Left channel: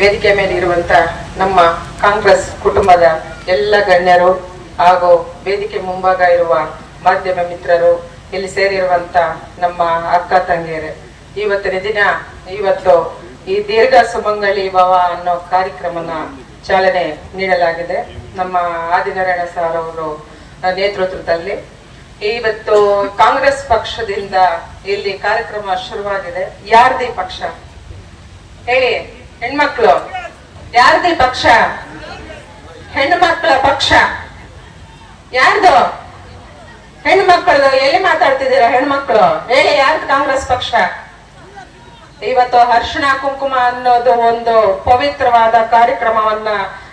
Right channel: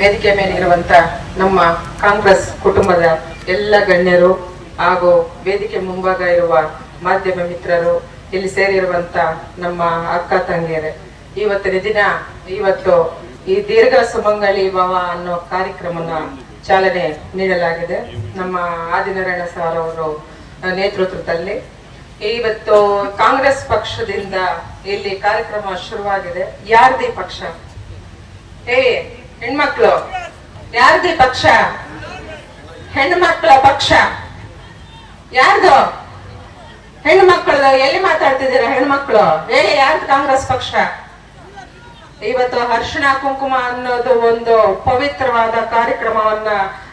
ವೇದಿಕೆ ಮೇಲೆ ಇರುವಂತ ನಮ್ಮ ಕಾಂಗ್ರೆಸ್ ಕುಟುಂಬದ ಎಲ್ಲ ಗಣ್ಯರು ಹಾಗೂ ವೇದಿಕೆ ಮುಂಭಾಗ ಇರುವ ಮಾಧ್ಯಮ ಮಿತ್ರರು, ಇಲ್ಲಿ ಸೇರಿರುವಂತ ನಮ್ಮ ಅಕ್ಕ ತಂಗಿಯರೇ. ಇವತ್ತಿನ ದಿನ, ಇವತ್ತು ಈ ದೀರ್ಘ ಸುಮಂಗಲಿ ಭವ ಅನ್ನೋ ಕಾರ್ಯಕ್ರಮನ ಚಾಲನೆ ನೀಡಲಾಗಿದೆ. ನಮ್ಮ ಆದಿನಾರಾಯಣ ಸರ್ ಅವರು ನೇತೃತ್ವದಲ್ಲಿ. ಇವತ್ತು ಕಾಂಗ್ರೆಸ್ ಪಕ್ಷದಿಂದ ಇಲ್ಲಿ ಕಾರ್ಯಕ್ರಮ ಶುರುವಾಗಿದೆ. ಯಾರದೇ ಪಕ್ಷ? ಹೇಳಿ. ಹೆಣ್ಮಕ್ಳು, ಯಾರ್ದಿ ಪಕ್ಷ? ಹೆಣ್ಮಕ್ಳ ಪಕ್ಷ. ಯಾರ್ದು? ಹೆಣ್ಮಕ್ಳದು, ಎಲ್ಲಿ ಮಾತಾಡ್ತಿದ್ದೀರಾ ಹೆಣ್ಮಕ್ಳು? ಹೇಳಿ, ಯಾರ್ದು ಕಾಂಗ್ರೆಸ್ ಪಕ್ಷ? ಇವತ್ತು ಅರ್ಶಿಣ ಕುಂಕುಮ ಅನ್ನೋದು ಒಂದು ಪವಿತ್ರವಾದ ಕಾರ್ಯಕ್ರಮವನ್ನ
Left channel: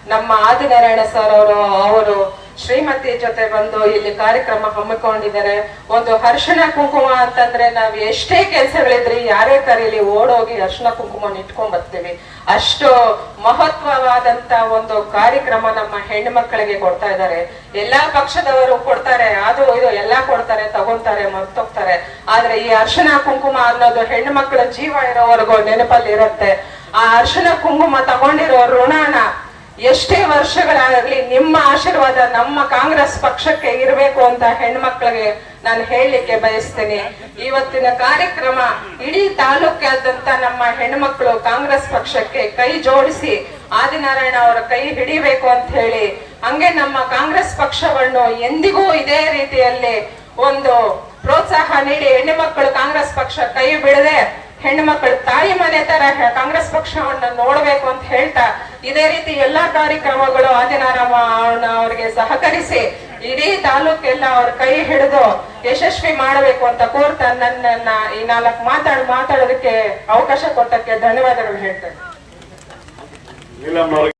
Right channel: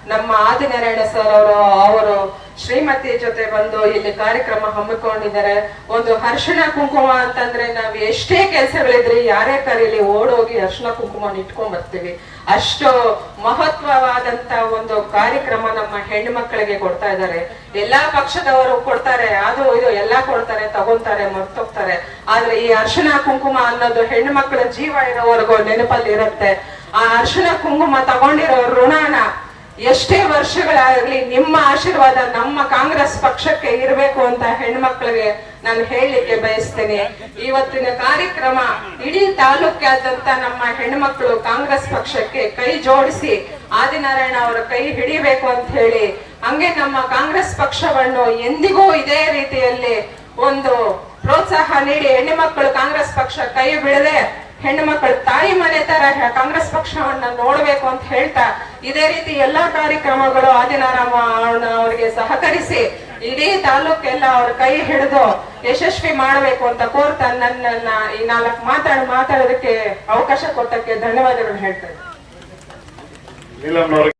ನಮ್ಮ ಆದಿನಾರಾಯಣ ಸರ್ ಅವರು ಶ್ರೀಮತಿ ಜೊತೆ ಬಂದು ಇಲ್ಲಿ ಕಾರ್ಯಕ್ರಮ ಹಮ್ಮಿಕೊಂಡಿದ್ದಾರೆ. ಒಂದು ಅರ್ಶನ ಕುಂಕುಮ ಅಂತಂದ್ರೆ ನಾವ್ ಎಷ್ಟೇ ಕೆಲಸಗಳಿದ್ರಿ ಯಾರೇ ಕರೀಲಿ ಓಡೋಗಿ ಅರ್ಶನ ಕುಂಕುಮ ಇಟ್ಕೊಂಡ್ ಬರ್ತೀವಿ. ಅಷ್ಟು ಮಹತ್ವವಾದಂತ ಒಂದು ಕಾರ್ಯಕ್ರಮ ನಮ್ಮ ಹೆಣ್ಣು ಮಕ್ಕಳಿಗೆ ಕೊಡ್ತಾ ಇದ್ದಾರೆ. ಎಲ್ಲಾ ಪಕ್ಷದವರು ಕೊಡ್ತಾರೆ, ಅದು ಇದು ಎಲ್ಲಾ ಕೊಡ್ತಾರೆ, ತಗೊಂತಾರೆ, ಮರ್ತೋಗ್ತಾರೆ. ಆದ್ರೆ ಈ ಅರ್ಶನ ಕುಂಕುಮ ಅನ್ನೋದು ಹೆಣ್ಣು ಮಕ್ಕಳ ಜೀವ ಇರೋವರೆಗೂ ನೆನಪಲ್ಲಿ ಇರುತ್ತೆ. ಆ ಅರ್ಶನ ಕುಂಕುಮ ತಗೊಂಡಿರೋ ಋಣನ ಎಷ್ಟೇ ವರ್ಷಗಳಾಗಲಿ ನಿಮ್ಮ ಆಶೀರ್ವಾದ ನಮ್ಮ ಕಾಂಗ್ರೆಸ್ ಪಕ್ಷಕ್ಕೆ ಇರಬೇಕು ಅಂತ ಹೆಣ್ಮಕ್ಳಿಗೆ ನಾನು ಹೇಳಲಿಕ್ಕೆ ಬಯಸ್ತೀನಿ. ಇವತ್ತಿನ ಕಾರ್ಯಕ್ರಮ ಇಡೀ ತಾಲೂಕಾದ್ಯಂತ ನಮ್ಮ ಹೆಣ್ಮಕ್ಳು ಕಾಂಗ್ರೆಸ್ ಪಕ್ಷಕ್ಕೆ ಕೈ ಜೋಡಿಸಿ ಆದಿನಾರಾಯಣ ಅವರ ಕೈ ಹಿಡಿಬೇಕು ಅಂತ ಹೇಳಿ, ಹಂಗೆ ನಮ್ಮ ಕಾಂಗ್ರೆಸ್ ಪಕ್ಷವನ್ನು ಎಂದಿಗೂ ಇದೇ ರೀತಿಯಲ್ಲಿ ಒಂದು ಪ್ರೋತ್ಸಾಹ ನೀಡಿ ಹೆಣ್ಣು ಮಕ್ಕಳು ಕಾಂಗ್ರೆಸ್ ಪಕ್ಷ ಕೈ ಬಿಡದೆ ಹೆಣ್ಣು ಮಕ್ಕಳು ತಾಯಿ ಮನೆ ತರ ಕಾಂಗ್ರೆಸ್ ಪಕ್ಷವನ್ನ ಅಂತ ಹೇಳ್ತಾ, ಇದೇ ರೀತಿ ಎಲ್ಲಾ ಕಾರ್ಯಕ್ರಮಗಳು ಆದಿನಾರಾಮ ಅವರಿಗೆ ಸಹಕರಿಸಿ, ಇಡೀ ತಾಲೂಕೆಲ್ಲ ಅವ್ರ ಕೈ ಹಿಡಿದು ಯಶಸ್ವಿ ಮಾಡಬೇಕು ಅಂತ ಕೋರ್ತಾ ನನ್ನನ್ನ ಈ ನಾಲ್ಕು ಮಾತಾಡ್ ಮಾತಾಡೋದಕ್ಕೆ ಅವಕಾಶ ಕೊಟ್ಟಕ್ಕೆ ಧನ್ಯವಾದಗಳು ಹೇಳ್ತೇನೆ